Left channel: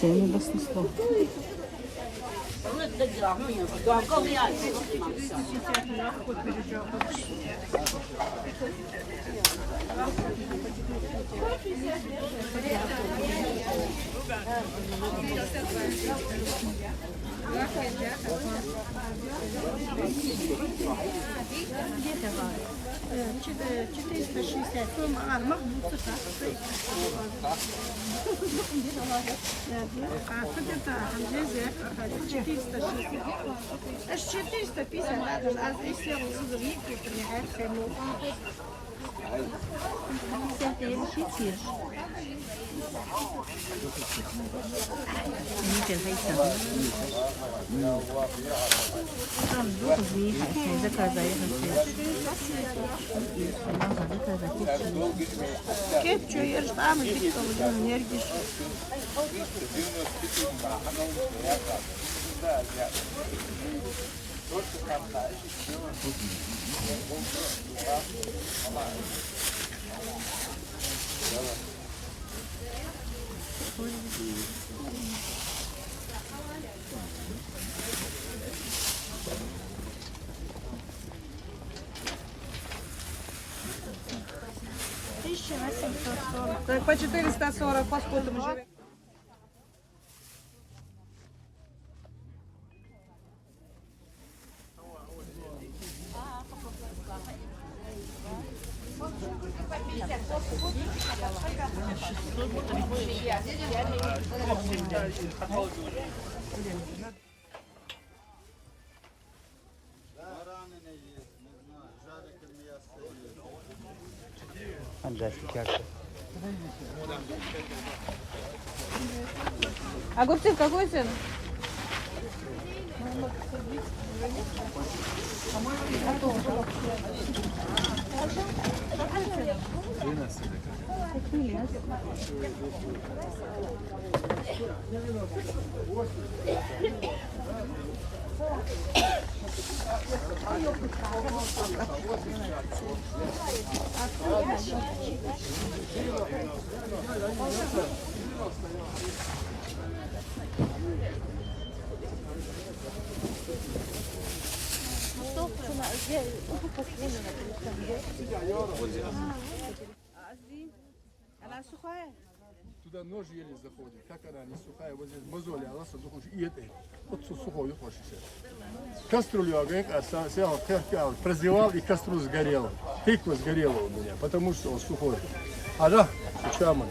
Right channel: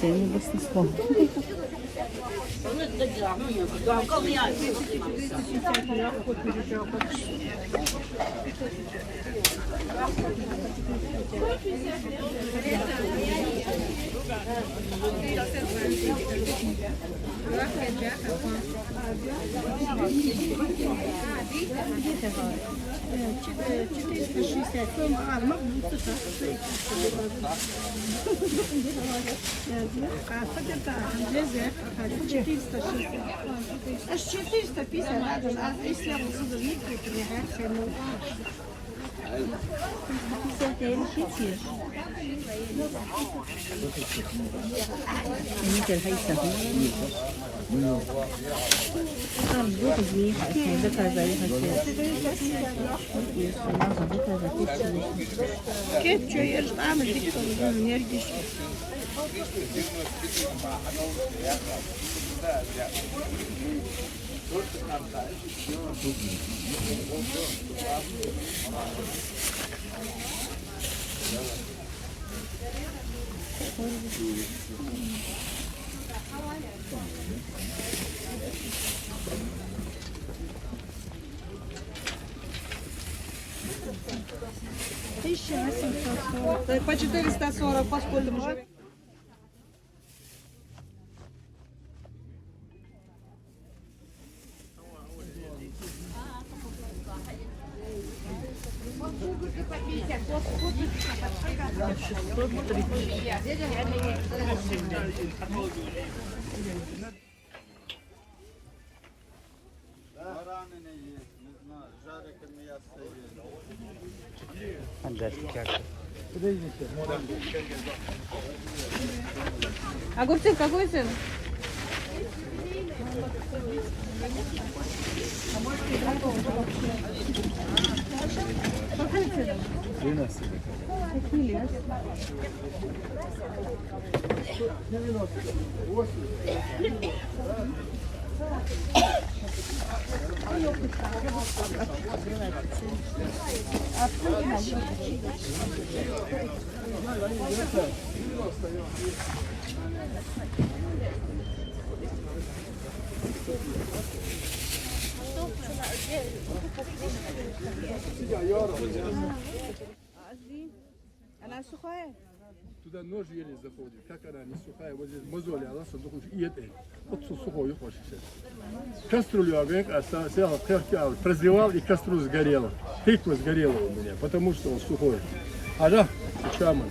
Сині баснослов. Где ты говоришь? 460. А, махнуться так. А, хотя 460. Аж 450 надо, а здесь я буду видеть, приехать ему. Там другие хотят заказать, надо заказать Кетчу, я же там, и что, энергии. По 440, по сколько мы живем? Огурцы какой цены? Она сухая? Туда нож еле заходит. Как она не сухая, вот здесь мозоли, она садухуш и это. Вот сухой хочешь сейчас. Кастрюлю огонь оставил, прозевал и кастрюлю сгорела. Тыква сгорела у меня, потому что он сухой. А да, чама.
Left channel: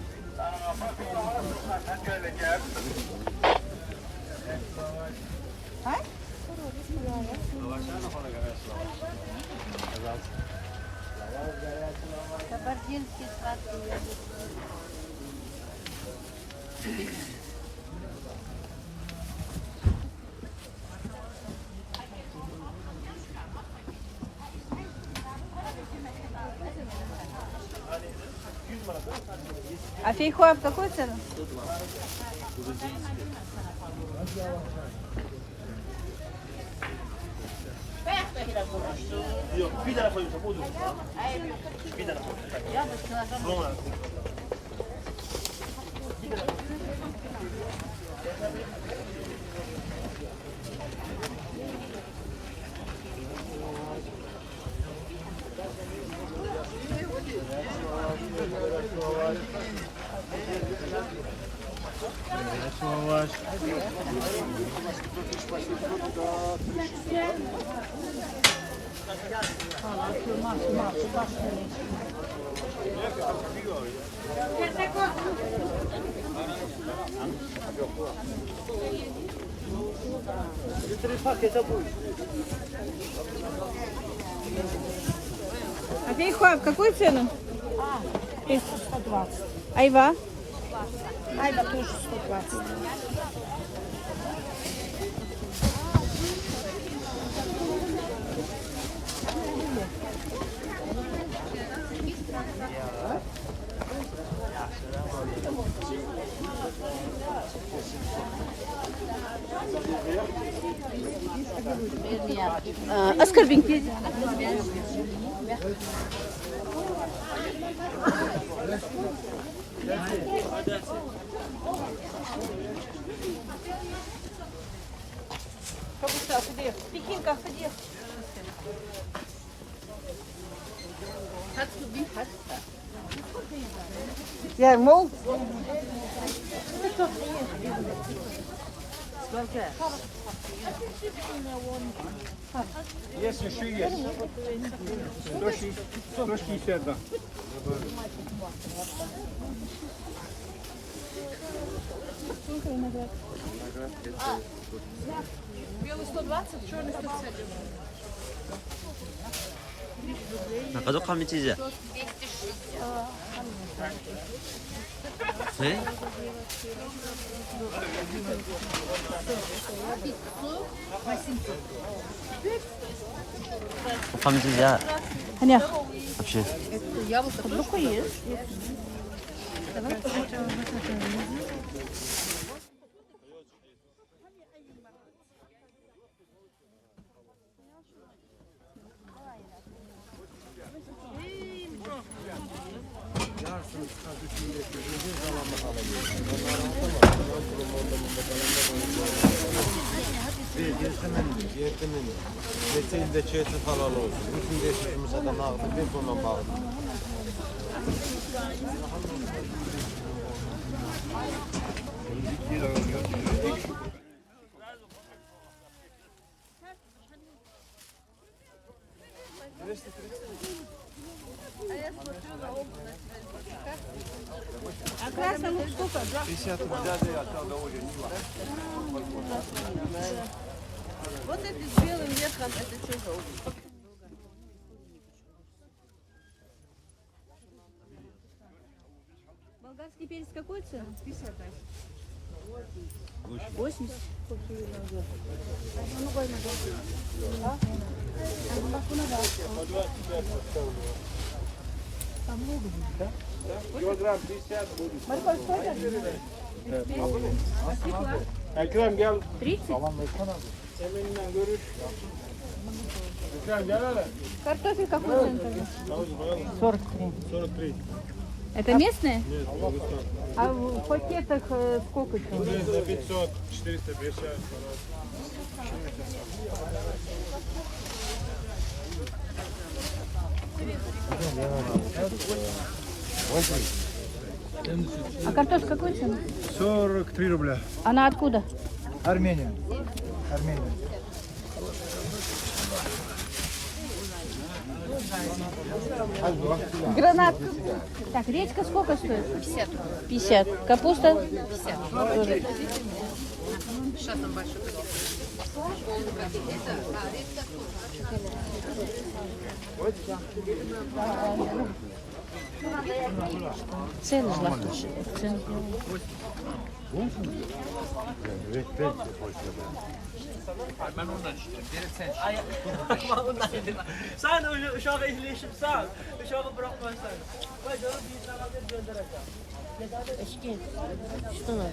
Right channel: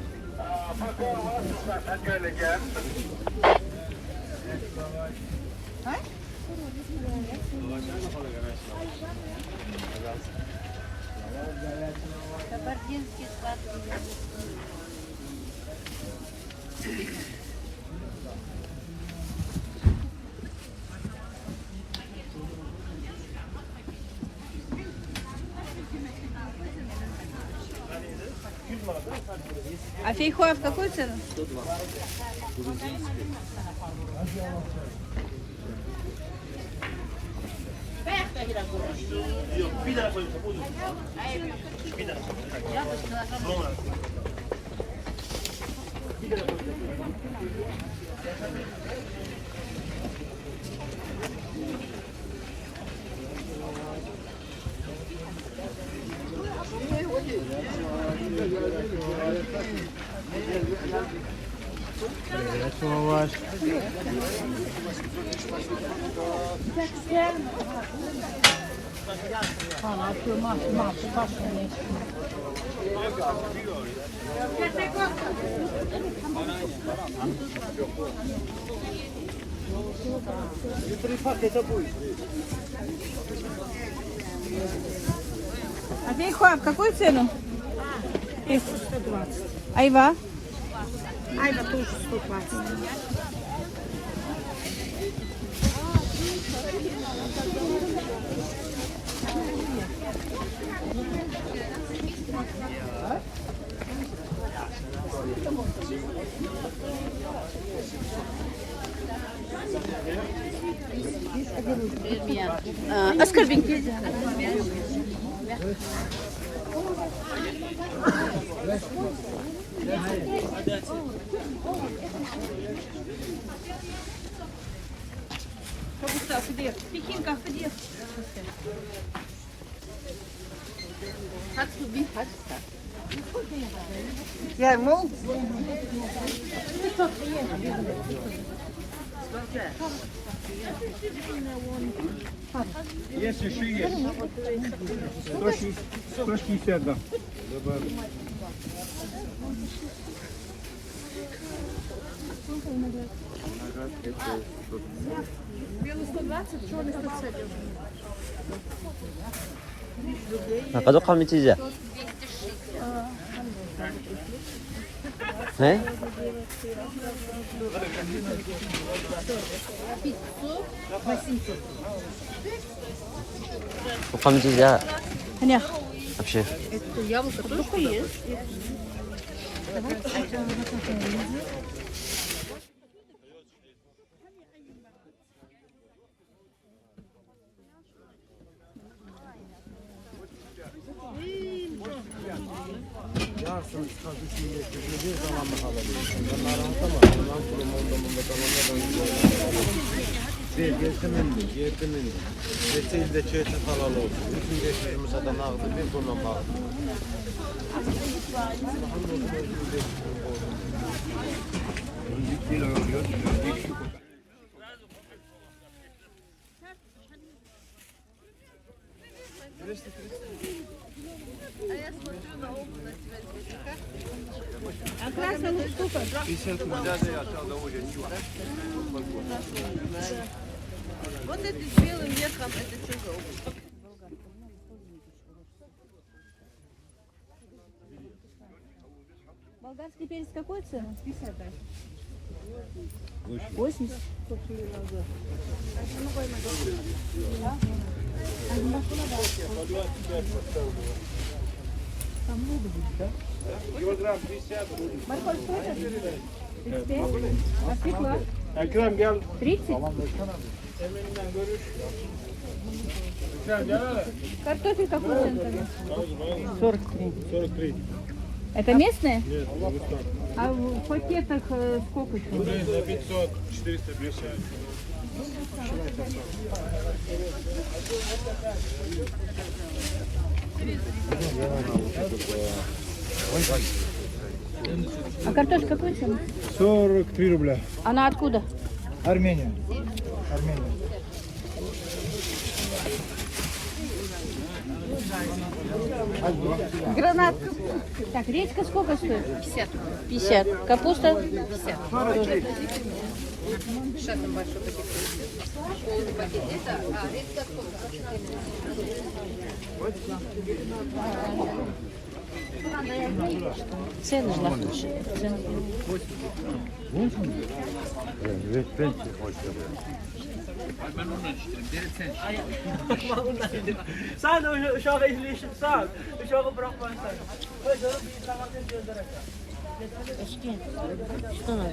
А фейхоа в какую цену? 120. Грузинский. А фейхоа в какую цену? 120. Айва? Айва тоже 120. Оскорбинки. Пекинка, ходи. Yani mol. Есть еще есть. 160, да. 가족하면 찌자. 네? 가족하면 찌자. 아니야. вообще. Это яблоко только есть. Geçtiğinde çeşit falan olsun. Bütün geçtiğimiz adam aldı. Bir konu bağlı. А красный лук сколько? 50 рублей осталось довольно. Вот эти с белым ветром, это все желтый. Болгарский перец какой цены? 50, да. 80. Ekrem gel. 30? Seninle görüş. Ekrem gel hele. Картофель какой цен? 43. Это местные? Нет, Дагестан. А в пакетах сколько? 500, 450. А картошка какой цены? 43 рубля. Она откуда? Армения. Армения. Гранат. Так, редька сколько стоит? 50. 50. Капуста? 50. Тоже. Сейчас там большой пакет. Цены же напущены. Sen de uşağı ehliyeşim sen. Uşağı bırakma sen. Eşkin. Что надо?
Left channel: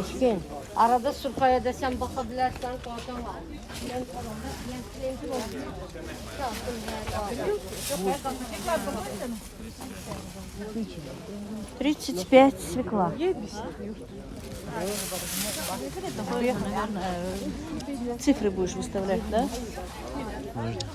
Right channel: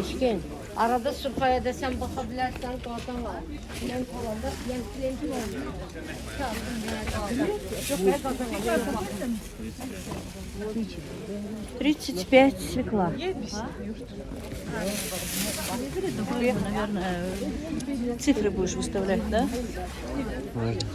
Eşkin. Arada sopaya desem bakabilirsen komutan var. Ben kalanda yan klienti var. Тридцать пять свекла. Наверное, цифры будешь выставлять, да? Можно.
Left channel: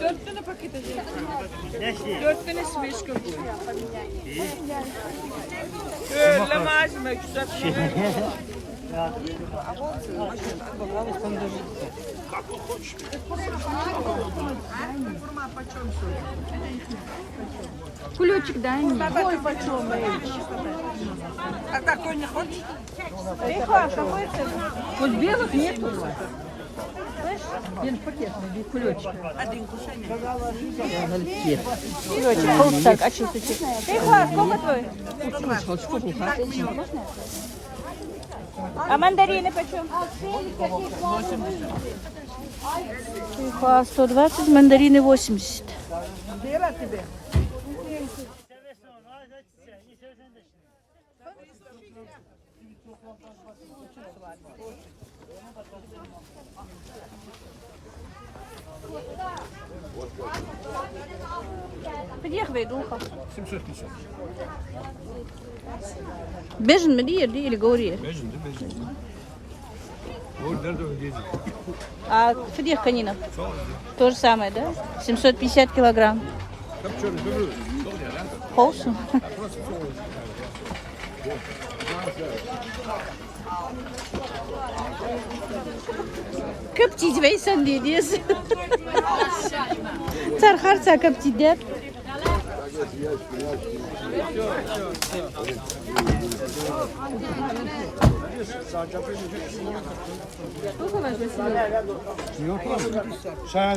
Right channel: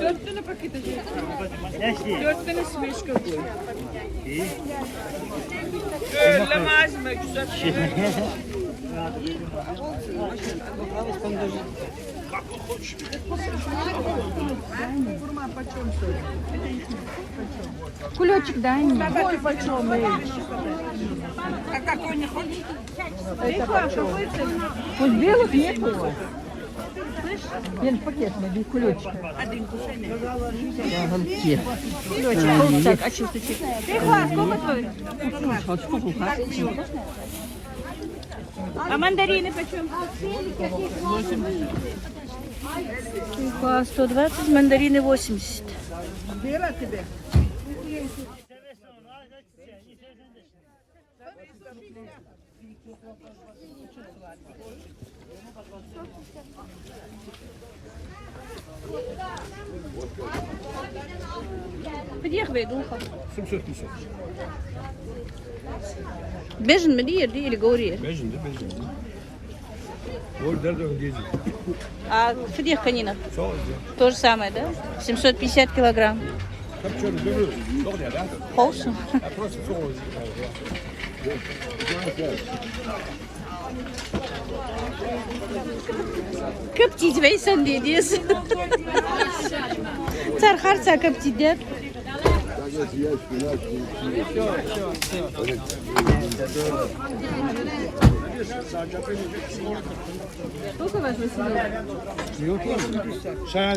Dört tane paket alıyorsun. 4 tane smeşka koy. Mercimek güzel. Форма почем сегодня? Это их нет. Кулечек дай мне. Собака почем? 95. А какой не хочешь? Вот белых нету у вас. Він пакет без кулечки. Один кусень. Холстак, а что ты? А мандарины почем? Уха 120, мандарины 80. Бира тебе. Подъехай, духа. 750. Бежин mi diye değil говори. Бежин. Вот даже где. А фидех канина? Соус. То же самое, да? 750 килограмм. Копченый дуру. Добре, да? Холсу. А просто соус. Köpçici ve sen diye diyorsun. Tarharsa köpçi der. Сколько ваш Василек? Sen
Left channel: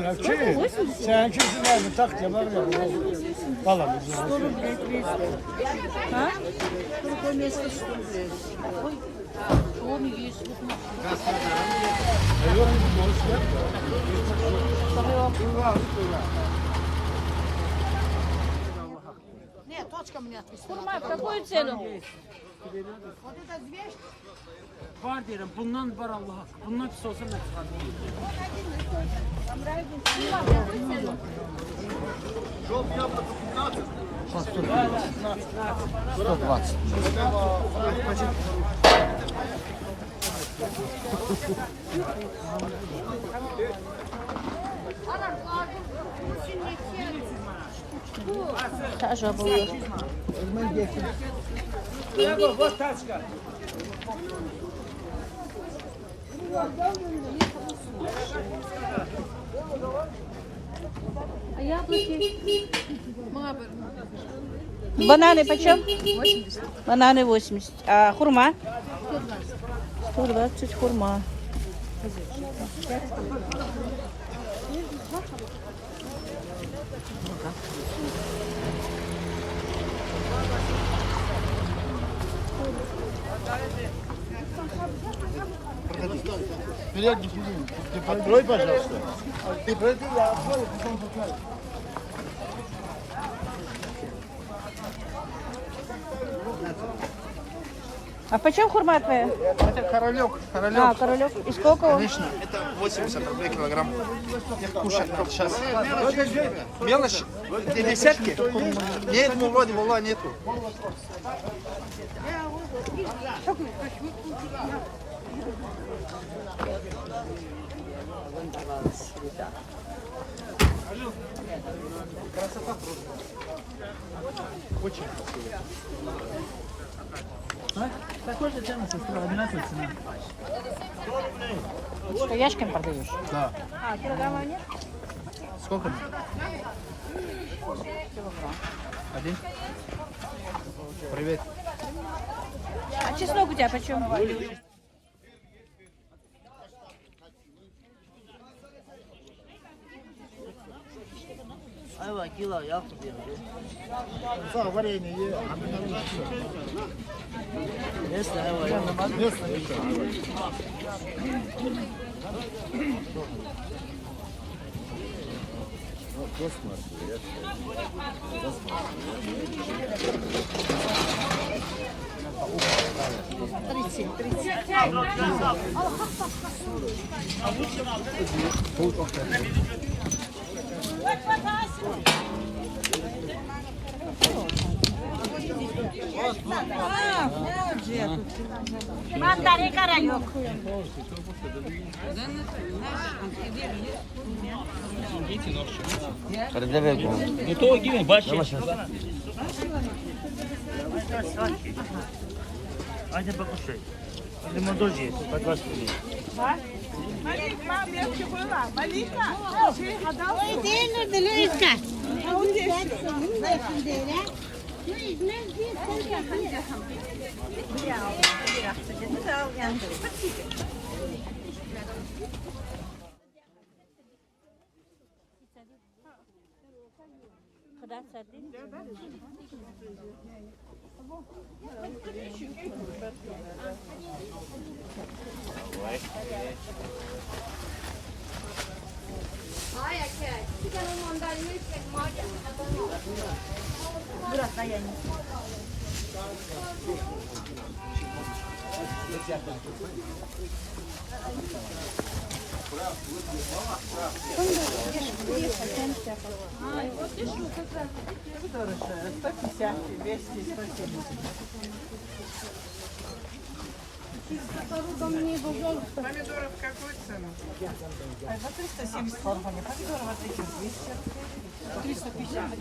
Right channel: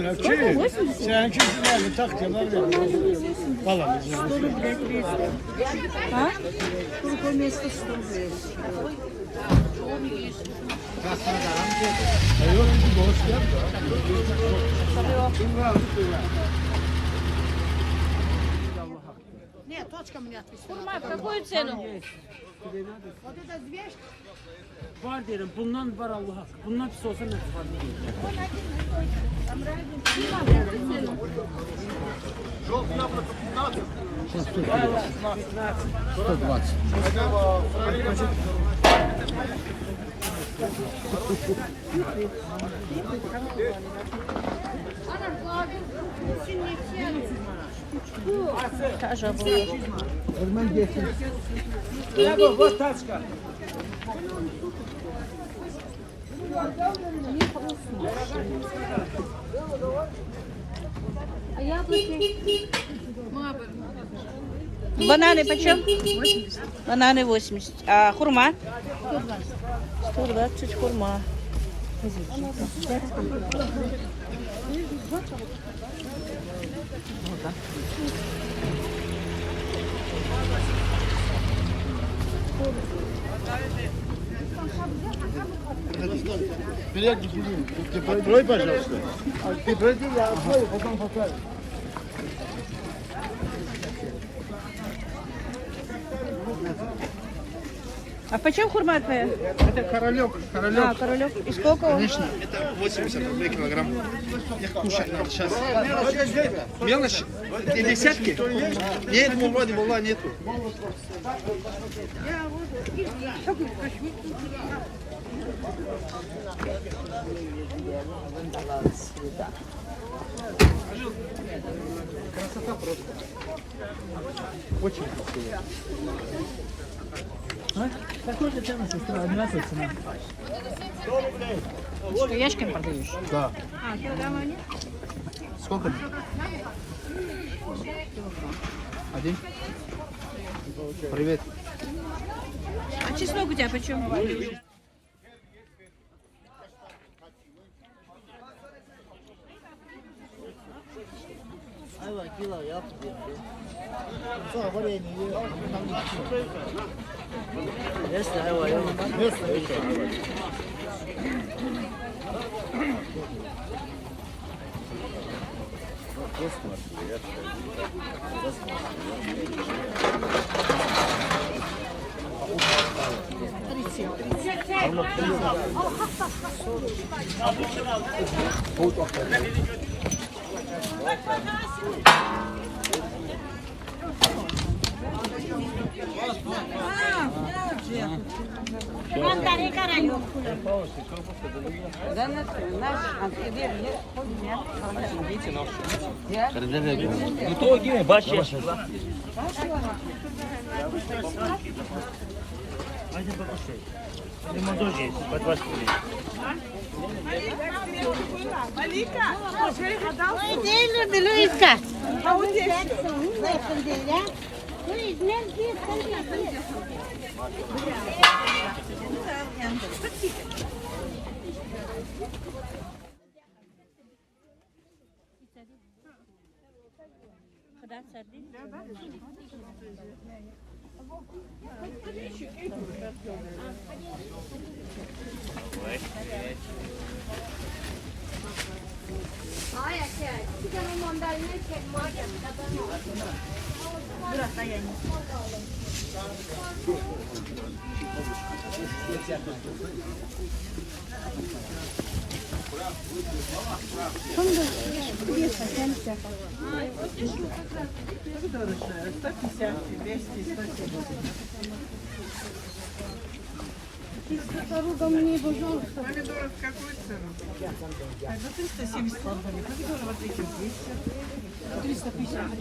sen kimsin tak var ya. Tamam. 100 рублей 200. А? Сколько места 100 рублей? Какую цену? Var derim, bundan var Allah hakkı. Bundan pis olsa ne çıkar? Бананы почем? 80. Бананы 80. А хурма? 120. 120 хурма. Билет ты пройди, пожалуйста. Ты пройди, я открою, потом покажу. А почем хурма твоя? Это королек. А, королек. И сколько? Конечно, это 80 рублей килограмм. Кушать сейчас. Мелочь? 50? Нет, ну вроде была нету. Красота просто. Очень красиво. А? Такой же цена, сестра, одинаковая цена. 100 рублей. Что, яшками продаешь? Да. А, килограмма нет? Сколько? Один. Привет. А чеснок у тебя почем? Да, варенье. Мандарин каранек. Ну то gibi baş yaş. Hadi bakın şey. Лимон тоже есть, по 20 рублей. Помидоров какую цену? 370 килограмм. Помидоры вот такие 200. 350.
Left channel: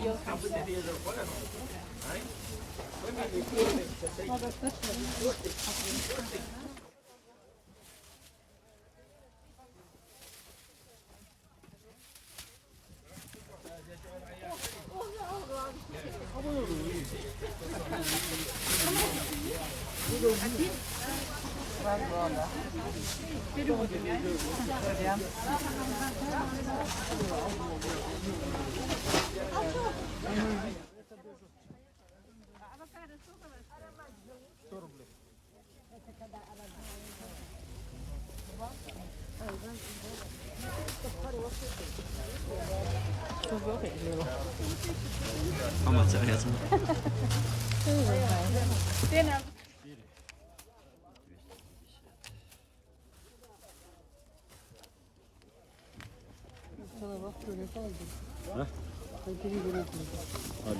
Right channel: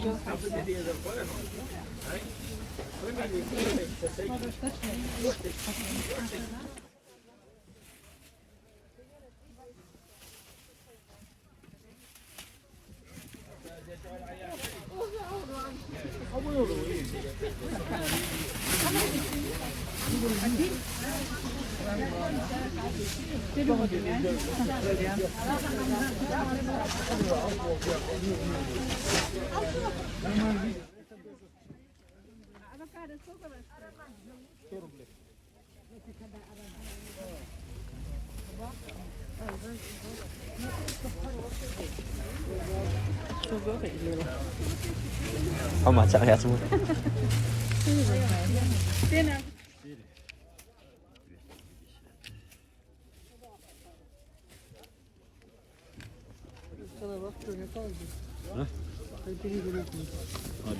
Không mà sợ hết semua.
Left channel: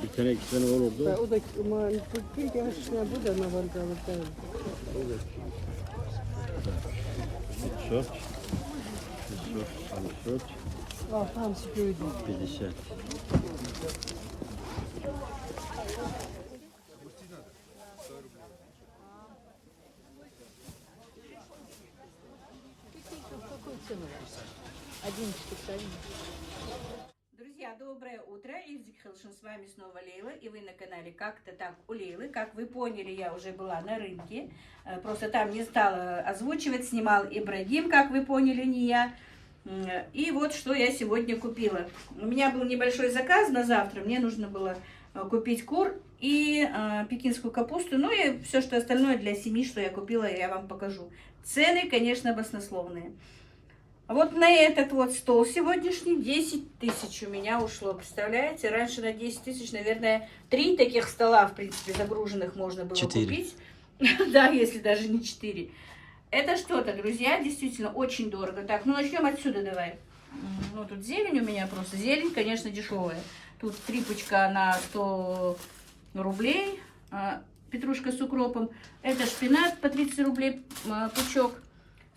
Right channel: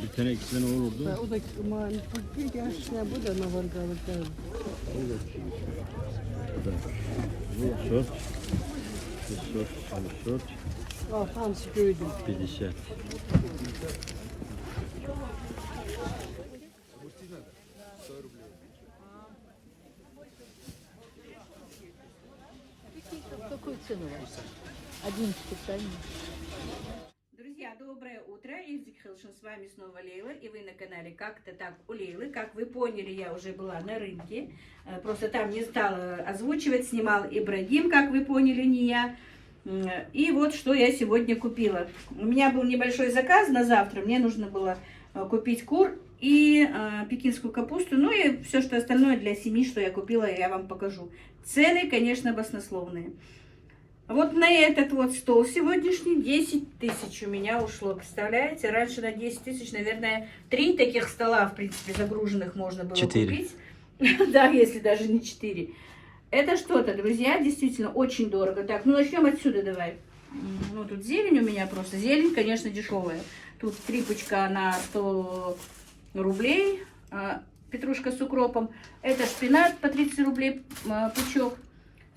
Bir tane 2 tane olurdu. O da bir gençliğine bu da ne var galiba. 4. 4. Hamsi köyde. 50. Друзья, доброе утро. Ивзик Хилшин, с вами снова Лейла. И вы на канале Как-то так у Лейлы. Как вы поняли, я уже была на рынке. Просто там не стала озвучивать. Снимал Ибрагим, как вы поняли, не я. И вот что я сегодня купила. У меня был небольшой заказ на завтра. Мне нужно было купить кур и пекинскую капусту. Ну и все, что остальное для семьи, что я купила, я вам покажу. Цены, конечно, баснословные. Вот на этот вот стол сегодняшний 10 тысяч у меня ушло. Представляете? Раньше на 10 тысяч, наверное, 3 таких стола, в принципе, загруженных можно было 4. купить. Да, если даже не 4. Это что-то, друзья, действительно очень дорого. Так, ну начнем отсюда давай. Ну, тут зелень у меня просто. Зелень, конечно, дешевая. Тут 3 пучка на 100 рублей. Петрушка с укропом. Это шпинат по 30 рублей пучок.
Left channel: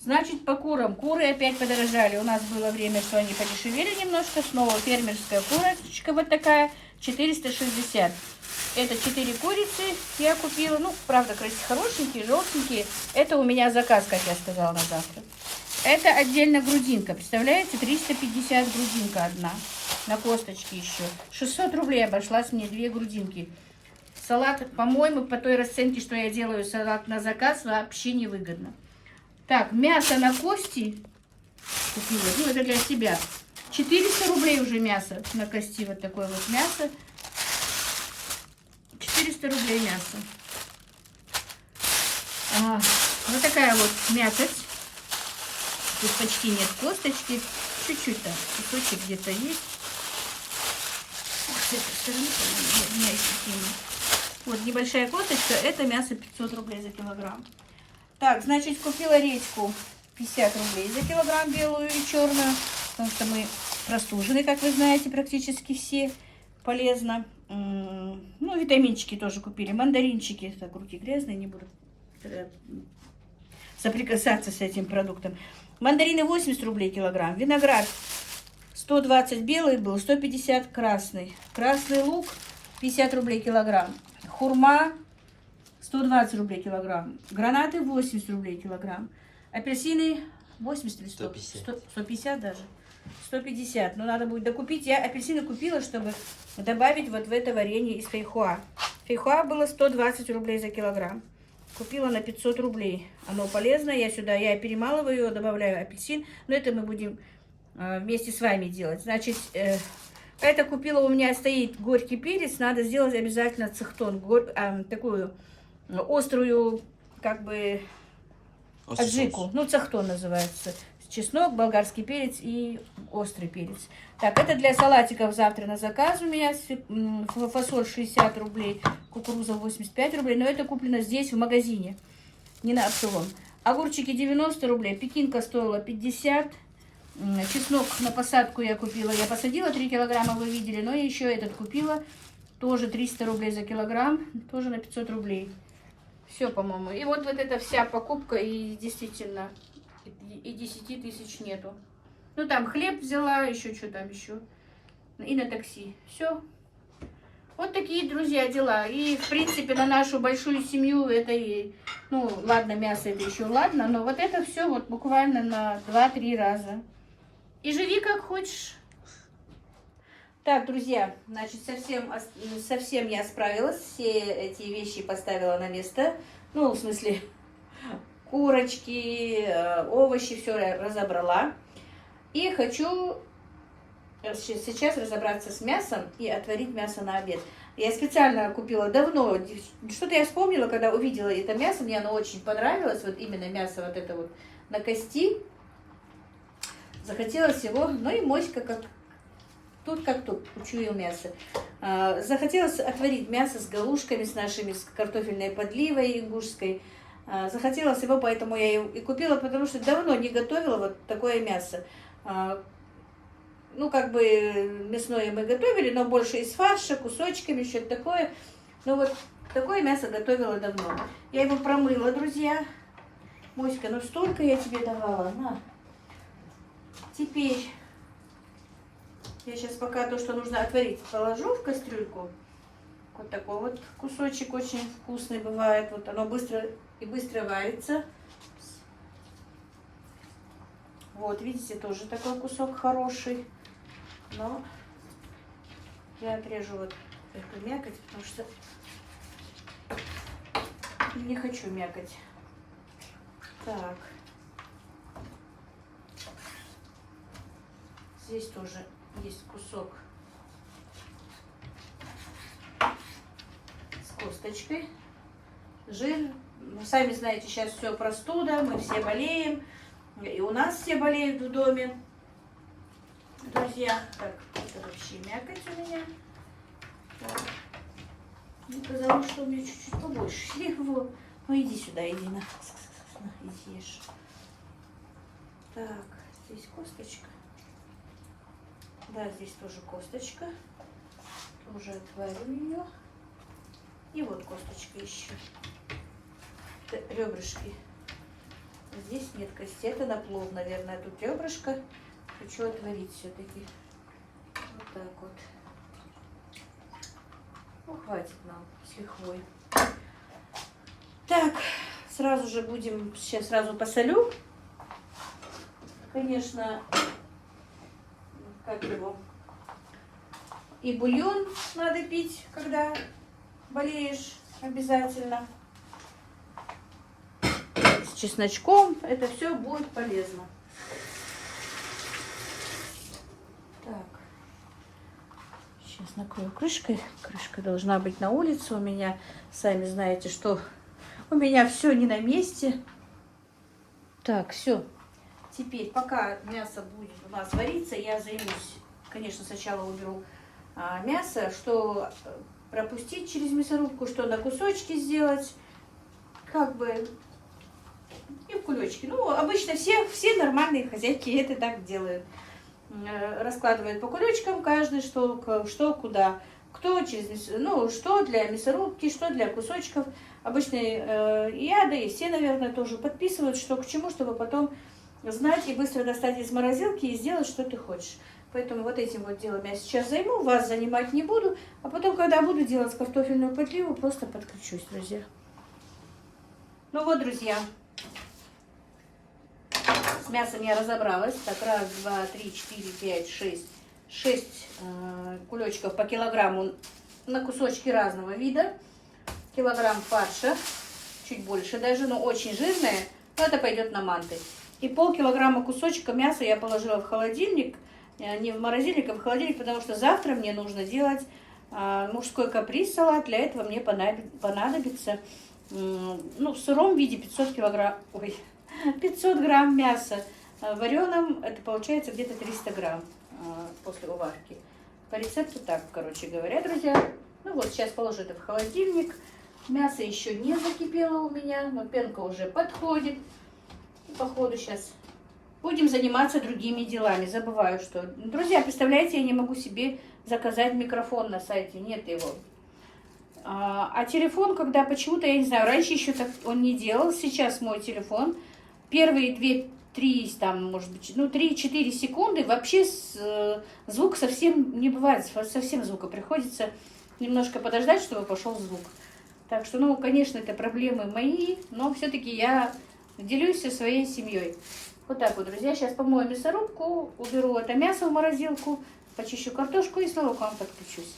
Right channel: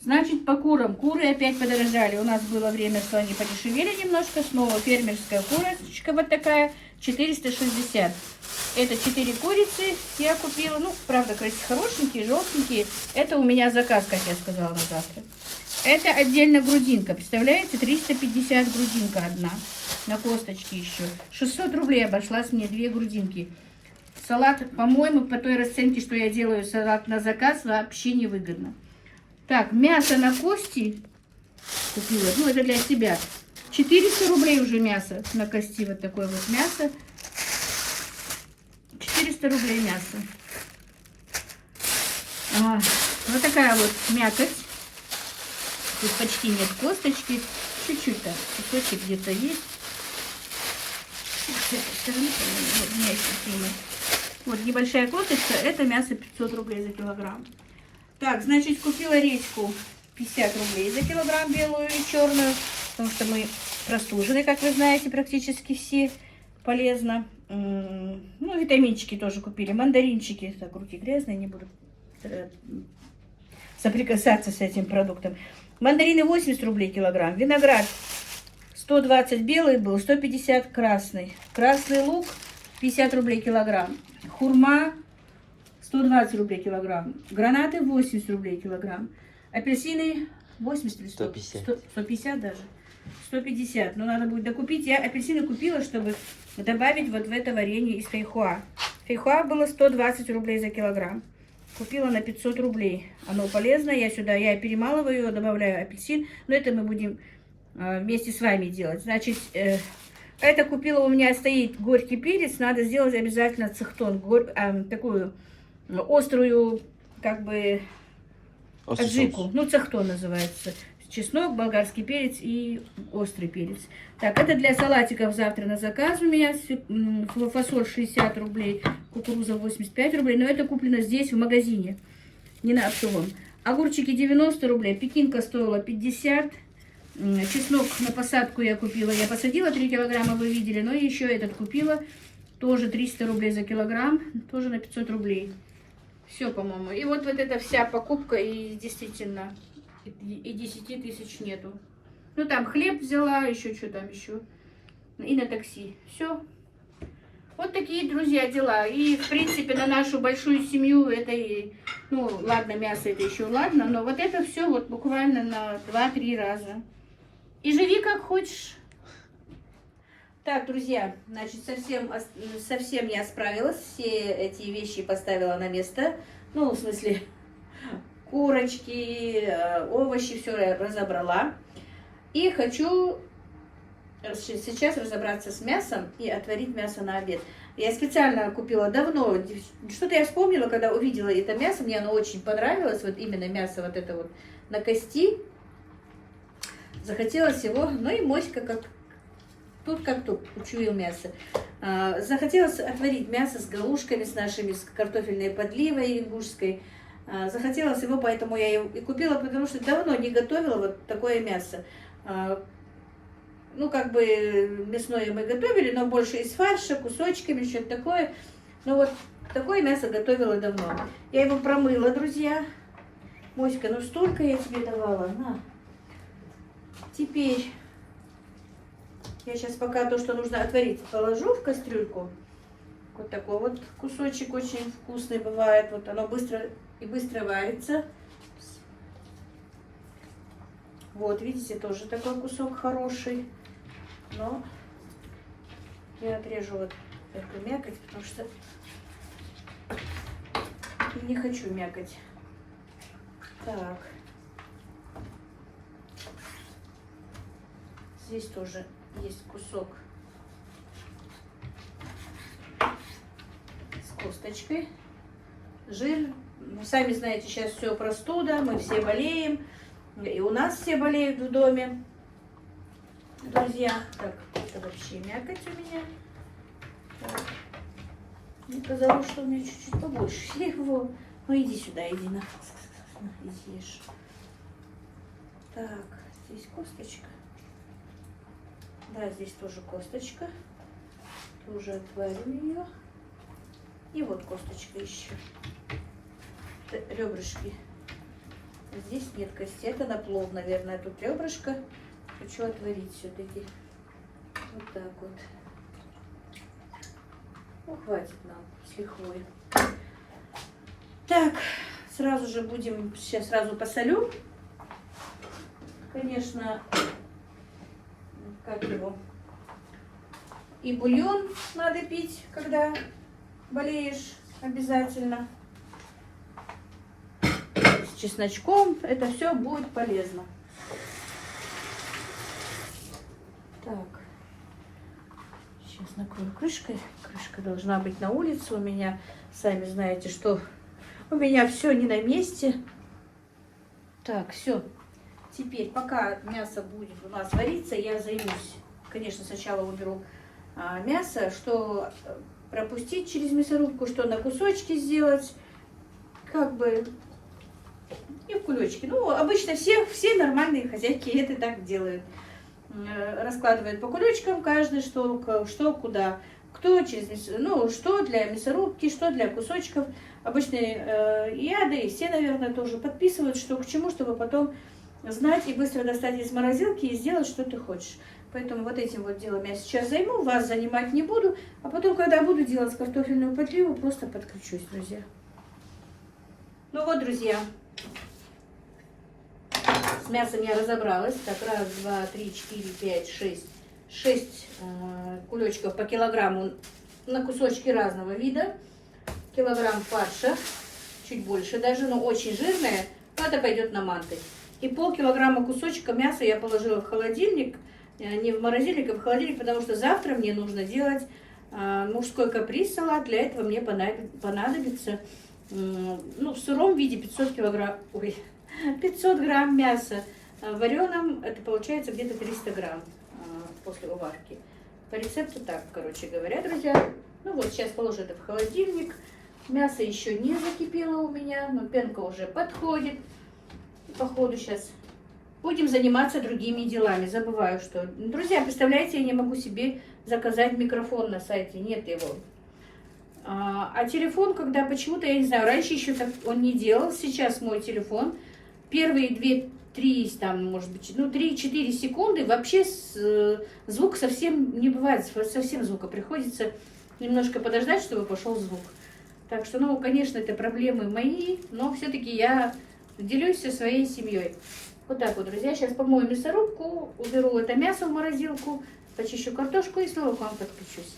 Значит, по курам. Куры опять подорожали. У нас было время, что они подешевели немножко. Снова фермерская курочка вот такая. 460. Это 4 курицы я купила. Ну, правда, хорошенькие, желтенькие. Это у меня заказ, как я сказала, на завтра. Это отдельно грудинка. Представляете? 350 грудинка одна. На косточке еще. 600 рублей обошлась мне 2 грудинки. Салат, по-моему, по той расценке, что я делаю салат на заказ, вообще невыгодно. Так, мясо на кости купила. Ну, это для себя. 400 рублей уже мясо на кости. Вот такое вот мясо. 400 рублей мясо. Вот такая вот мякоть. Тут почти нет косточки. Чуть-чуть там. Кусочек где-то есть. С этой стороны, вот, у меня еще вот небольшая косточка. Это мясо 500 рублей за килограмм. Так, значит, купила редьку 50 рублей за килограмм, белую и черную. Потому что мы простужены, как вы знаете, практически все. Полезно. Ну, витаминчики тоже купили. Мандаринчики. Так, руки грязные, не буду соприкасаться с этим продуктом. Мандарины 80 рублей килограмм. Виноград 120 белый был, 150 красный. Красный лук 50 рублей килограмм. Хурма 120 рублей килограмм. Гранаты 80 рублей килограмм. Апельсины 80 или 100? 150. 150 даже. 150. Но надо будет докупить. Я апельсины купила, чтобы добавить вот в это варенье из фейхоа. Фейхоа было 120 рублей за килограмм. Купила на 500 рублей. Оно полезное. Я перемалываю его, добавляю апельсин. Но это мы будем вместе с вами делать. Значит, это купила, у меня стоит горький перец. Надо сделать обязательно цехтон. Такую острую, как бы, Острый аджику. соус. Ну, цехтон называется. Чеснок, болгарский перец и острый перец. Так, это для салатиков завтра на заказ у меня. Фасоль 60 рублей, кукуруза 85 рублей. Но это куплено здесь, в магазине, не на оптовом. Огурчики 90 рублей, пекинка стоила 50. Чеснок на посадку я купила. Я посадила 3 килограмма, вы видели. Но еще этот купила. Тоже 300 рублей за килограмм. Тоже на 500 рублей. Все, по-моему. И вот эта вся покупка. И действительно, и 10 тысяч нету. Ну, там хлеб взяла, еще что там еще. И на такси. Все. Вот такие, друзья, дела. И, в принципе, на нашу большую семью это и... Ну, ладно, мясо это еще ладно. Но вот это все вот буквально на 2-3 раза. И живи как хочешь. Так, друзья, значит, совсем я справилась. Все эти вещи поставила на место. Ну, в смысле, курочки, овощи, все разобрала. И хочу сейчас разобраться с мясом и отварить мясо на обед. Я специально купила давно. Что-то я вспомнила, когда увидела это мясо. Мне оно очень понравилось. Вот именно мясо вот это вот на кости. Захотелось его, ну и моська как тут учуял мясо. Захотелось отварить мясо с галушками, с нашими, с картофельной подливой ингушской. Захотелось его, поэтому я его и купила, потому что давно не готовила вот такое мясо. Ну, как бы мясное мы готовили, но больше из фарша, кусочками, что-то такое. Ну, вот такое мясо готовила давно. Я его промыла, друзья. Моська, ну столько я тебе давала, на. Теперь я сейчас пока то, что нужно отварить, положу в кастрюльку. Вот такой вот кусочек очень вкусный бывает. Вот оно быстро варится. Вот, видите, тоже такой кусок хороший. Но я отрежу вот эту мякоть, потому что не хочу мякоть. Так. Здесь тоже есть кусок с косточкой. Жир. Ну, сами знаете, сейчас все простуда, мы все болеем. И у нас все болеют в доме. Друзья, так, это вообще мякоть у меня. Так. Мне казалось, что у меня чуть-чуть побольше. Его. Ну иди сюда, иди на. Иди ешь. Так, здесь косточка. Да, здесь тоже косточка. Тоже отварим ее. И вот косточка еще. Ребрышки. Здесь нет кости. Это на плов, наверное. Тут ребрышко. Хочу отварить все-таки. Вот так вот. Ну, хватит нам с лихвой. Так, сразу же будем... Сейчас сразу посолю. Конечно... Как его? И бульон надо пить, когда болеешь, обязательно. С чесночком. Это все будет полезно. Так. Сейчас накрою крышкой. Крышка должна быть на улице у меня. Сами знаете, что у меня все не на месте. Так, все. Теперь, пока мясо будет у нас вариться, я займусь. Конечно, сначала уберу мясо, что пропустить через мясорубку, что на кусочки сделать, как бы, и в кулечки. Ну, обычно все нормальные хозяйки это так делают. Раскладывают по кулечкам каждый, что куда. Кто через, ну, что для мясорубки, что для кусочков. Обычные я, да и все, наверное, тоже подписывают, что к чему, чтобы потом знать и быстро достать из морозилки и сделать, что ты хочешь. Поэтому вот этим вот делом я сейчас займу, вас занимать не буду. А потом, когда буду делать картофельную подливу, просто подключусь, друзья. Ну вот, друзья, с мясом я разобралась. Так, 1, 2, 3, 4, 5, 6. 6 кулечков по килограмму на кусочки разного вида. Килограмм фарша, чуть больше даже, но очень жирное. То это пойдет на манты. И полкилограмма кусочка мяса я положила в холодильник. Не в морозильник, а в холодильник, потому что завтра мне нужно делать мужской каприз-салат. Для этого мне понадобится, ну, в сыром виде 500 грамм мяса. В вареном это получается где-то 300 грамм после уварки. По рецепту так, короче говоря, друзья. Ну вот, сейчас положу это в холодильник. Мясо еще не закипело у меня, но пенка уже подходит. Походу сейчас будем заниматься другими делами. Забываю, что... Друзья, представляете, я не могу себе заказать микрофон на сайте. Нет его. А телефон, когда почему-то, я не знаю, раньше еще так он не делал. Сейчас мой телефон. Первые 2-3, там, может быть, ну, 3-4 секунды вообще звук совсем не бывает. Совсем звука. Приходится немножко подождать, чтобы пошел звук. Так что, ну, конечно, это проблемы мои, но все-таки я делюсь со своей семьей. Вот так вот, друзья. Сейчас помою мясорубку, уберу это мясо в морозилку, почищу картошку и снова к вам подключусь.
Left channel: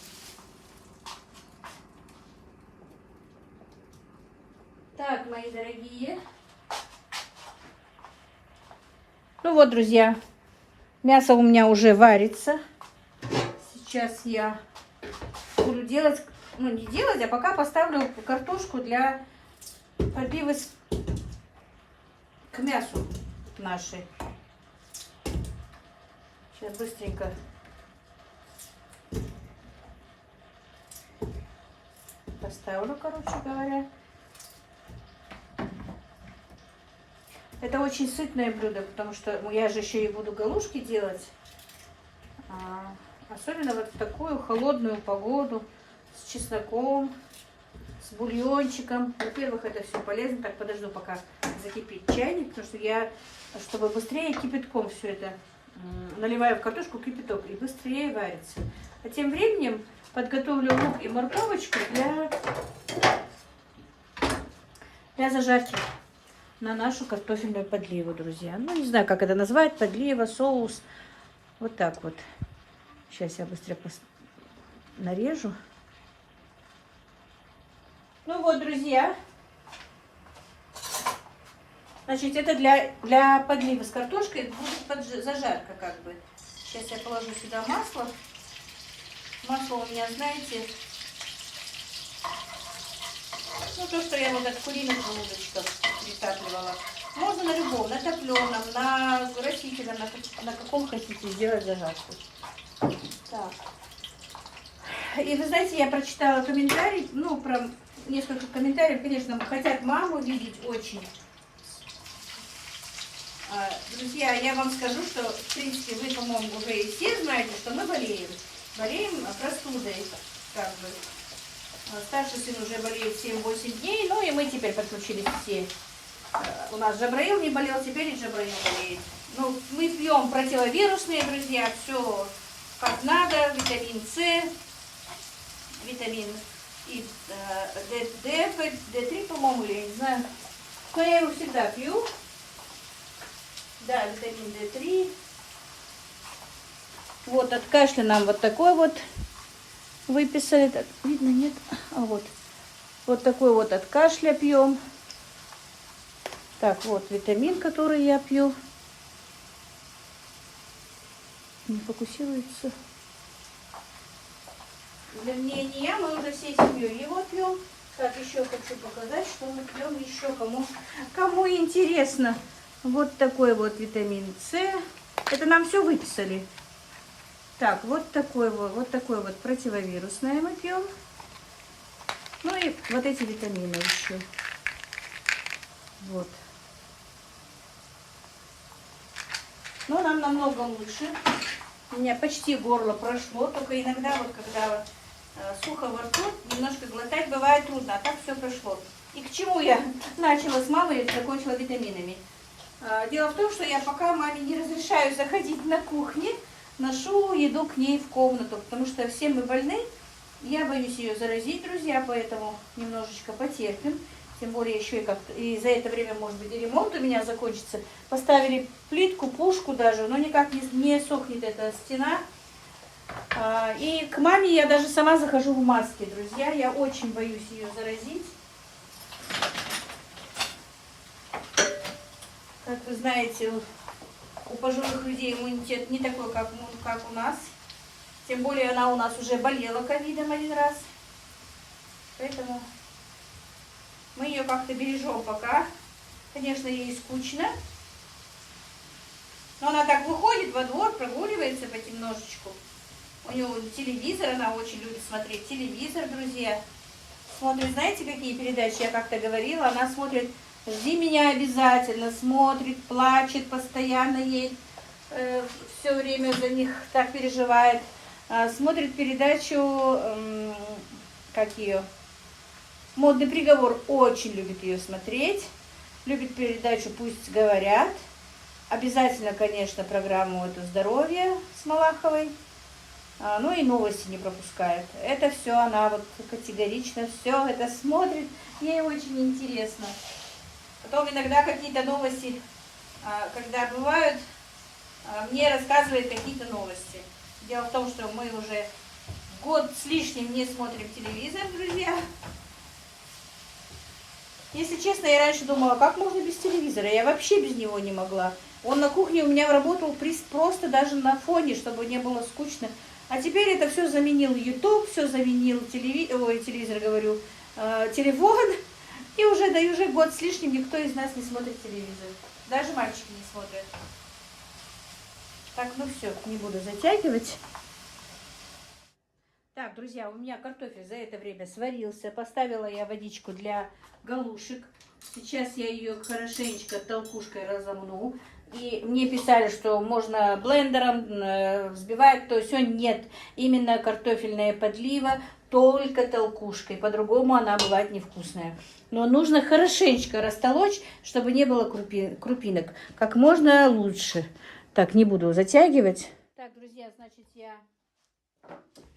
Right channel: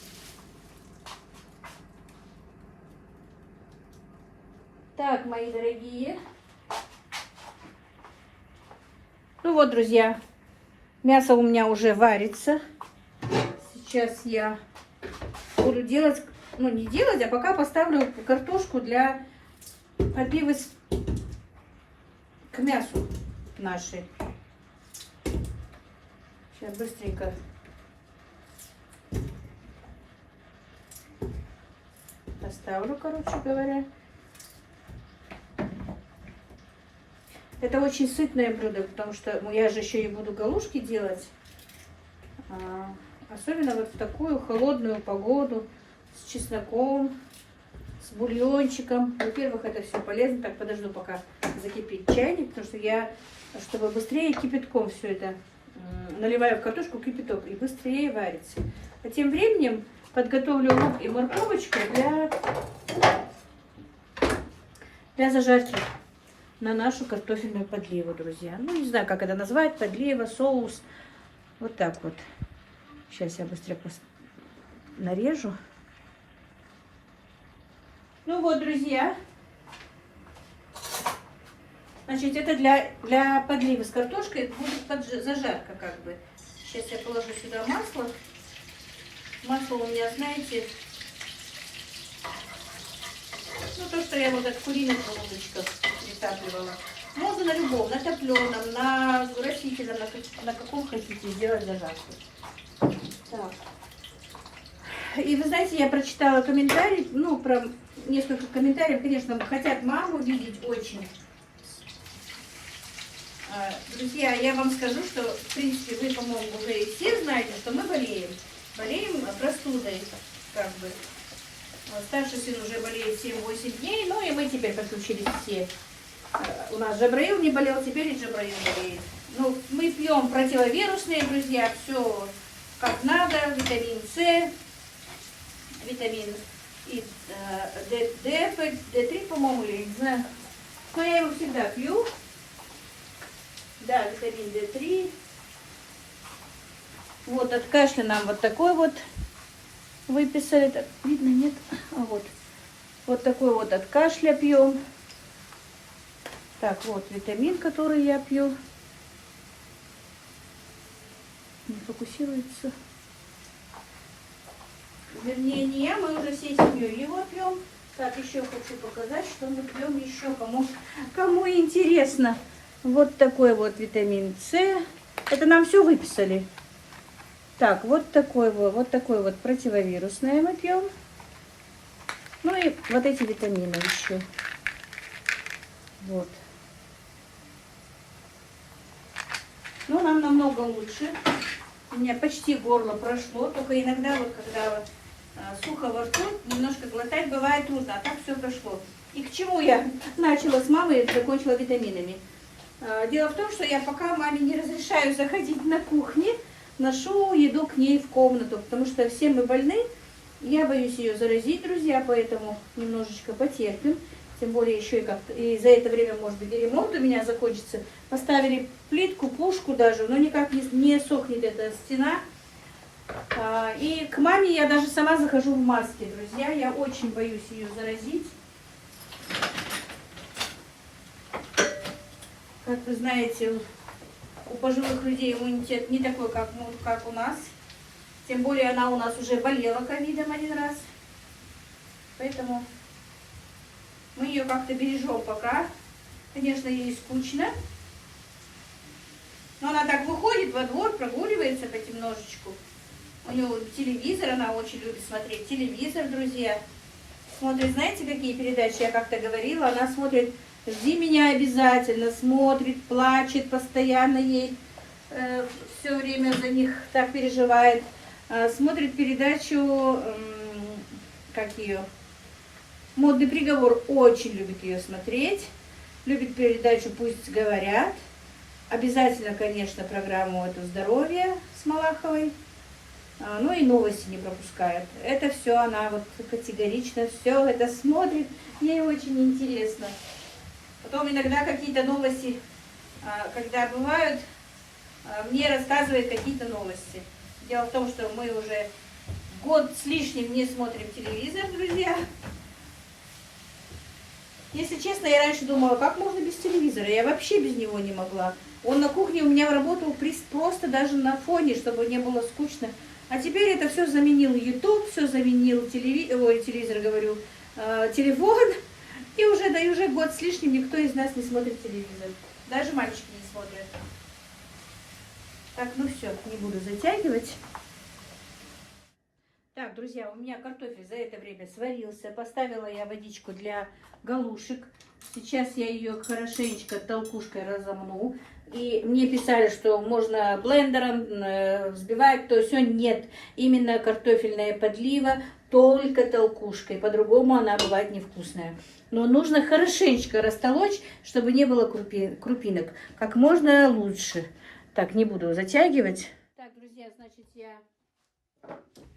Так, мои дорогие. Ну вот, друзья, мясо у меня уже варится. Сейчас я буду делать, ну не делать, а пока поставлю картошку для пробивы к мясу нашей. Сейчас быстренько поставлю, короче говоря. Это очень сытное блюдо, потому что я же еще и буду галушки делать. Особенно вот в такую холодную погоду, с чесноком, с бульончиком. Во-первых, это все полезно. Так, подожду, пока закипит чайник, потому что я, чтобы быстрее кипятком все это наливаю в картошку кипяток и быстрее варится. А тем временем подготовлю лук и морковочку для зажарки на нашу картофельную подливу, друзья. Ну, не знаю, как это назвать, подлива, соус. Вот так вот. Сейчас я быстро нарежу. Ну вот, друзья. Значит, это для подливы с картошкой будет зажарка как бы. Сейчас я положу сюда масло. Масло у меня, знаете, ну то, что я вот от куриных желудочков притапливала. Можно на любом, на топленом, на растительном, на каком хотите сделать зажарку. Так. И вы знаете, я прочитала комментарий, ну, про несколько комментариев, конечно, хотят маму видеть очень. Друзья, я вам скажу, что, в принципе, вы, по-моему, уже и все знаете, что мы болеем. Болеем простудой, как бы. Старший сын уже болеет 7-8 дней, ну и мы теперь подключились все. У нас Джабраил не болел, теперь и Джабраил болеет. Ну, мы пьем противовирусные, друзья, все как надо, витамин С, витамин D3, по-моему, или не знаю. Но я его всегда пью. Да, витамин D3. Вот от кашля нам вот такой вот выписали. Видно, нет? А вот. Вот такой вот от кашля пьем. Так, вот витамин, который я пью. Не фокусируется. Не я, мы уже всей семьей его пьем. Так, еще хочу показать, что мы пьем еще, кому интересно. Вот такой вот витамин С. Это нам все выписали. Так, вот такой вот противовирусное мы пьем. Ну и вот эти витамины еще. Вот. Ну, нам намного лучше. У меня почти горло прошло, только иногда вот когда сухо во рту, немножко глотать бывает трудно, а так все прошло. И к чему я начала с мамой и закончила витаминами? Дело в том, что я пока маме не разрешаю заходить на кухню, ношу еду к ней в комнату, потому что все мы больны. Я боюсь ее заразить, друзья, поэтому немножечко потерпим. Тем более еще и за это время, может быть, и ремонт у меня закончится. Поставили плитку, пушку даже, но никак не сохнет эта стена. И к маме я даже сама захожу в маске, друзья. Я очень боюсь ее заразить. Как вы знаете, у пожилых людей иммунитет не такой, как у нас. Тем более она у нас уже болела ковидом один раз. Поэтому мы ее как-то бережем пока. Конечно, ей скучно. Но она так выходит во двор, прогуливается понемножечку. У нее телевизор, она очень любит смотреть телевизор, друзья. Смотрит, знаете, какие передачи, я как-то говорила, она смотрит «Жди меня» обязательно, смотрит, плачет, постоянно ей все время за них так переживает. Смотрит передачу, как ее, «Модный приговор», очень любит ее смотреть. Любит передачу «Пусть говорят». Обязательно, конечно, программу эту «Здоровье» с Малаховой. Ну и новости не пропускает. Это все она вот категорично все это смотрит. Ей очень интересно. Потом иногда какие-то новости, когда бывают, мне рассказывает какие-то новости. Дело в том, что мы уже год с лишним не смотрим телевизор, друзья. Если честно, я раньше думала, как можно без телевизора? Я вообще без него не могла. Он на кухне у меня работал просто даже на фоне, чтобы не было скучно. А теперь это все заменил YouTube, все заменил телевизор, говорю, телефон. И уже год с лишним никто из нас не смотрит телевизор. Даже мальчики не смотрят. Так, ну все, не буду затягивать. Так, друзья, у меня картофель за это время сварился. Поставила я водичку для галушек. Сейчас я ее хорошенечко толкушкой разомну. И мне писали, что можно блендером взбивать, то все. Нет, именно картофельная подлива, только толкушкой. По-другому она бывает невкусная. Но нужно хорошенечко растолочь, чтобы не было крупинок. Как можно лучше. Так, не буду затягивать. Так, друзья, значит, я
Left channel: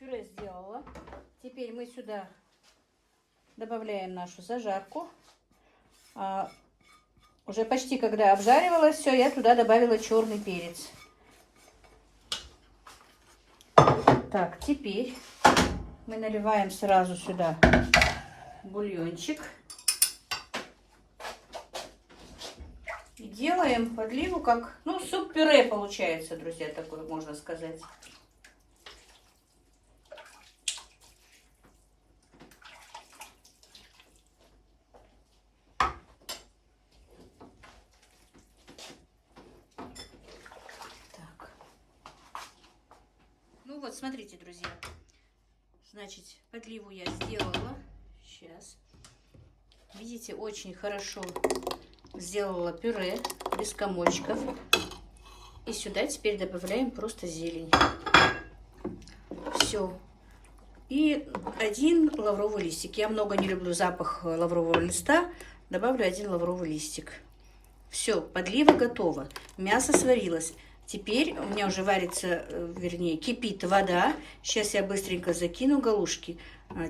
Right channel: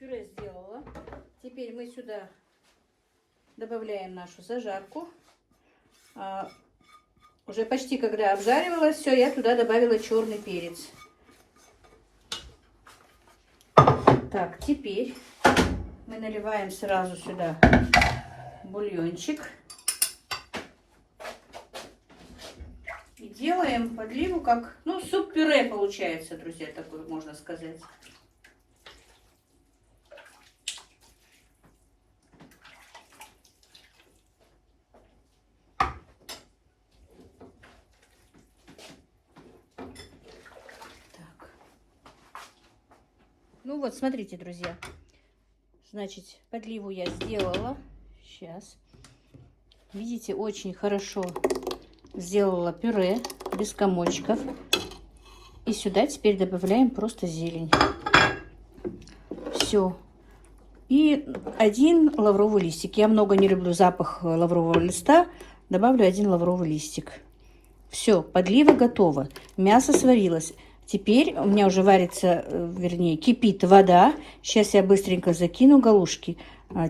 пюре сделала. Теперь мы сюда добавляем нашу зажарку. Уже почти когда обжаривалось все, я туда добавила черный перец. Так, теперь мы наливаем сразу сюда бульончик. И делаем подливу как, ну, суп-пюре получается, друзья, такое можно сказать. Ну вот, смотрите, друзья. Значит, подливу я сделала. Сейчас. Видите, очень хорошо сделала пюре без комочков. И сюда теперь добавляем просто зелень. Все. И один лавровый листик. Я много не люблю запах лаврового листа. Добавлю один лавровый листик. Все, подлива готова. Мясо сварилось. Теперь у меня уже варится, вернее, кипит вода. Сейчас я быстренько закину галушки.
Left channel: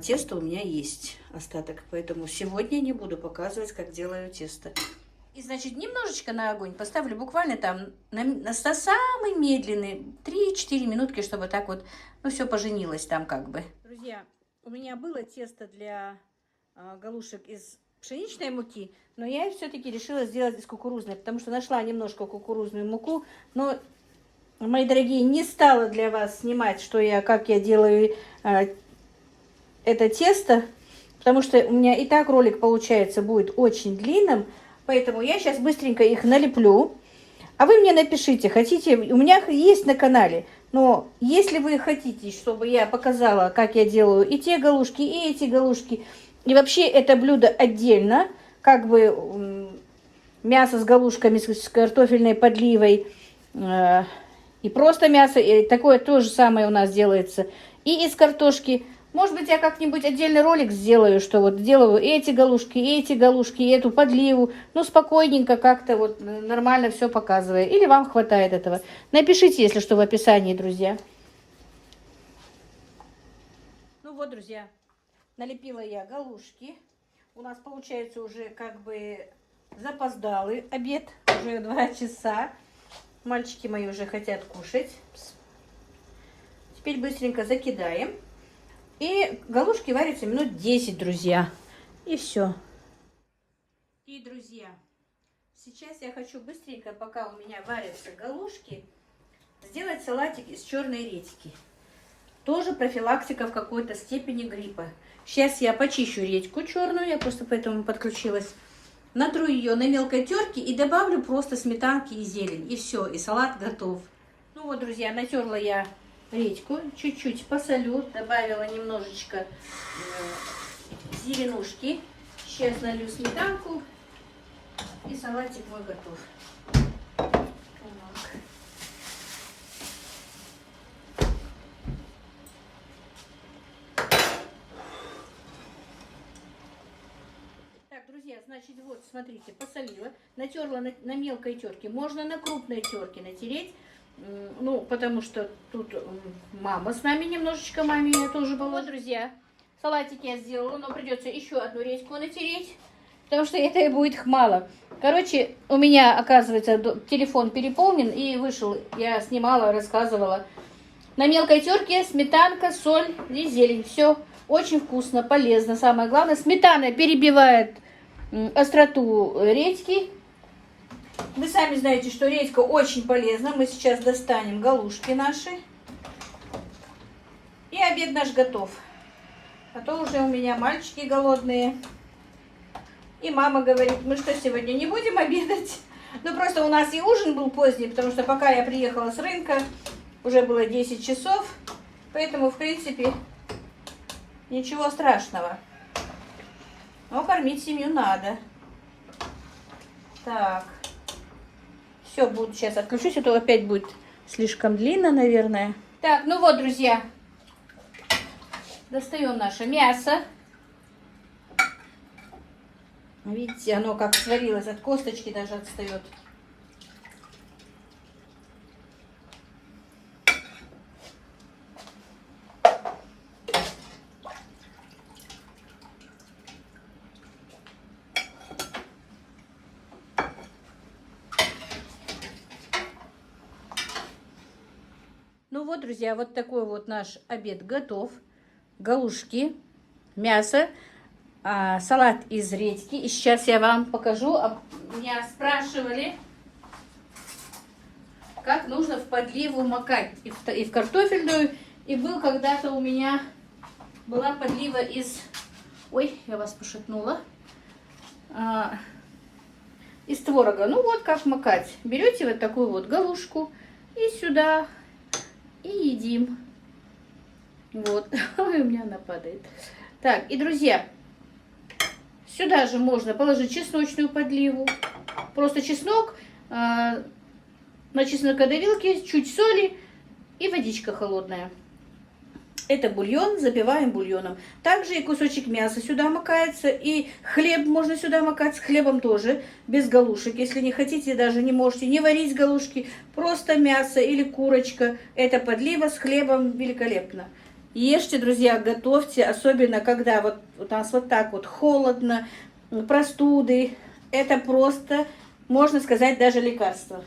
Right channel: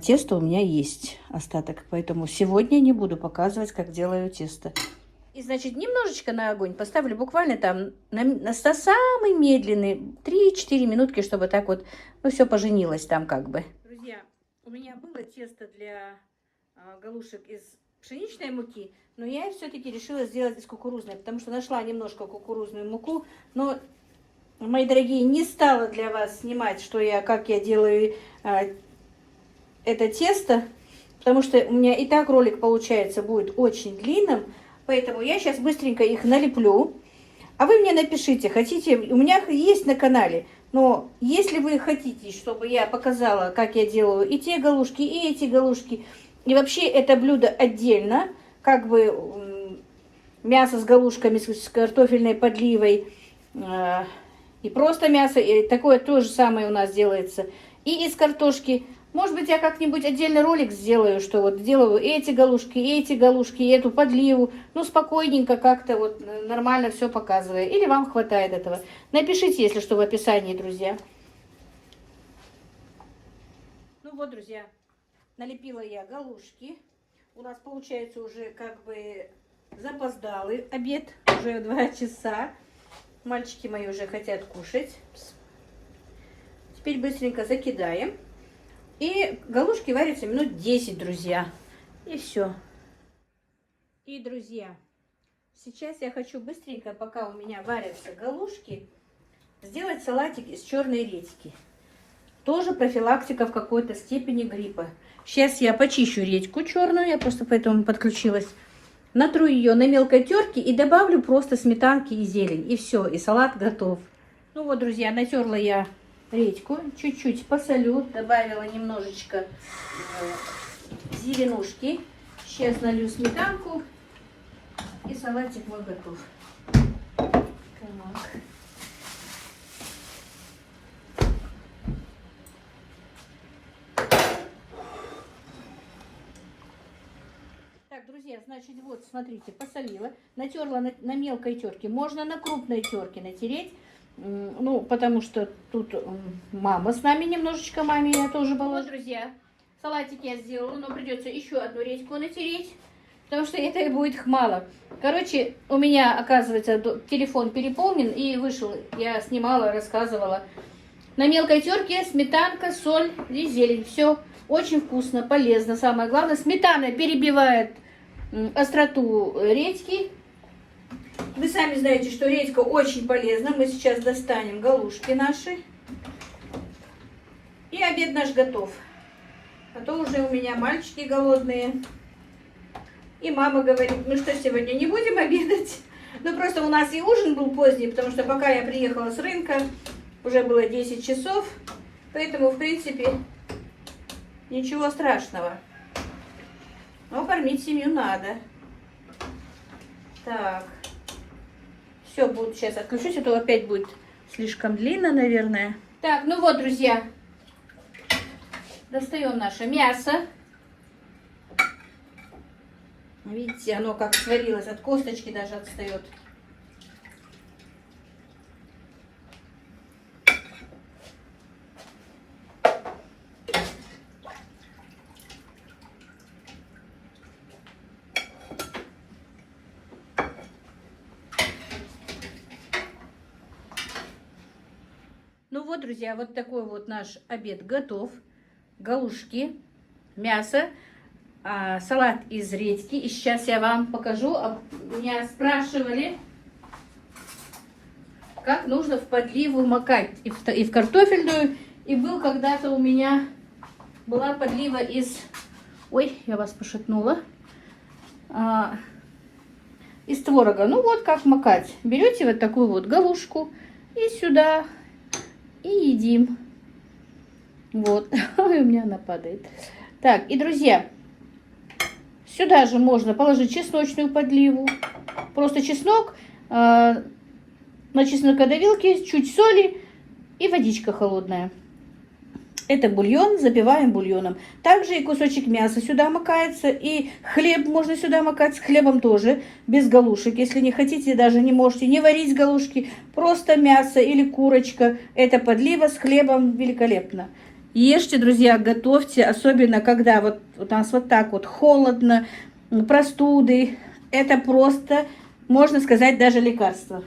Тесто у меня есть остаток, поэтому сегодня не буду показывать, как делаю тесто. И, значит, немножечко на огонь поставлю, буквально там на самый медленный, 3-4 минутки, чтобы так вот, ну, все поженилось там как бы. Друзья, у меня было тесто для галушек из пшеничной муки, но я все-таки решила сделать из кукурузной, потому что нашла немножко кукурузную муку, но, мои дорогие, не стала для вас снимать, как я делаю это тесто, потому что у меня и так ролик получается будет очень длинным, поэтому я сейчас быстренько их налеплю, а вы мне напишите, хотите, у меня есть на канале, но если вы хотите, чтобы я показала, как я делаю и те галушки, и эти галушки, и вообще это блюдо отдельно, как бы мясо с галушками, с картофельной подливой, и просто мясо, и такое то же самое у нас делается, и из картошки. Может быть, я как-нибудь отдельный ролик сделаю, что вот делаю эти галушки, эту подливу, ну, спокойненько как-то вот нормально все показываю. Или вам хватает этого. Напишите, если что, в описании, друзья. Ну вот, друзья, налепила я галушки. У нас получается уже как бы запоздалый обед, уже 2 часа. Мальчики мои уже хотят кушать. Теперь быстренько закидаем. И галушки варятся минут 10, друзья. И все. И, друзья, сейчас я хочу быстренько, пока у меня варятся галушки, сделать салатик из черной редьки. Тоже профилактика в какой-то степени гриппа. Сейчас я почищу редьку черную, я просто поэтому подключилась. Натру ее на мелкой терке и добавлю просто сметанки и зелень. И все, и салат готов. Ну вот, друзья, натерла я редьку, чуть-чуть посолю, добавила немножечко зеленушки. Сейчас налью сметанку, и салатик мой готов. Так. Друзья, значит, вот, смотрите, посолила, натерла на мелкой терке. Можно на крупной терке натереть, ну, потому что тут мама с нами немножечко, маме я тоже была. Вот, друзья, салатик я сделала, но придется еще одну редьку натереть, потому что это и будет мало. Короче, у меня, оказывается, телефон переполнен и вышел, я снимала, рассказывала. На мелкой терке сметанка, соль и зелень. Все очень вкусно, полезно. Самое главное, сметана перебивает остроту редьки. Вы сами знаете, что редька очень полезна. Мы сейчас достанем галушки наши. И обед наш готов. А то уже у меня мальчики голодные. И мама говорит, мы что, сегодня не будем обедать? Ну, просто у нас и ужин был поздний, потому что пока я приехала с рынка, уже было 10 часов. Поэтому, в принципе, ничего страшного. Но кормить семью надо. Так. Все, буду сейчас отключусь, а то опять будет слишком длинно, наверное. Так, ну вот, друзья. Достаем наше мясо. Видите, оно как сварилось, от косточки даже отстает. Ну вот, друзья, вот такой вот наш обед готов. Галушки, мясо, салат из редьки. И сейчас я вам покажу. Меня спрашивали, как нужно в подливу макать. И в картофельную. И был когда-то у меня была подлива из... Ой, я вас пошатнула. Из творога. Ну вот как макать. Берете вот такую вот галушку и сюда... И едим. Вот. Ой, у меня она падает. Так, и, друзья, сюда же можно положить чесночную подливу. Просто чеснок, на чеснокодавилке, чуть соли и водичка холодная. Это бульон, запиваем бульоном. Также и кусочек мяса сюда макается, и хлеб можно сюда макать, с хлебом тоже, без галушек. Если не хотите, даже не можете не варить галушки, просто мясо или курочка. Это подлива с хлебом великолепно. Ешьте, друзья, готовьте, особенно когда вот у нас вот так вот холодно, простуды. Это просто, можно сказать, даже лекарство.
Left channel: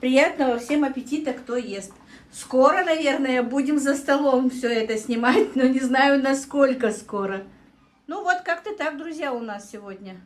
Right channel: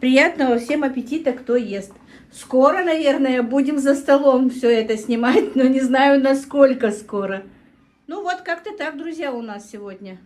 Приятного всем аппетита, кто ест. Скоро, наверное, будем за столом все это снимать, но не знаю, насколько скоро. Ну вот, как-то так, друзья, у нас сегодня.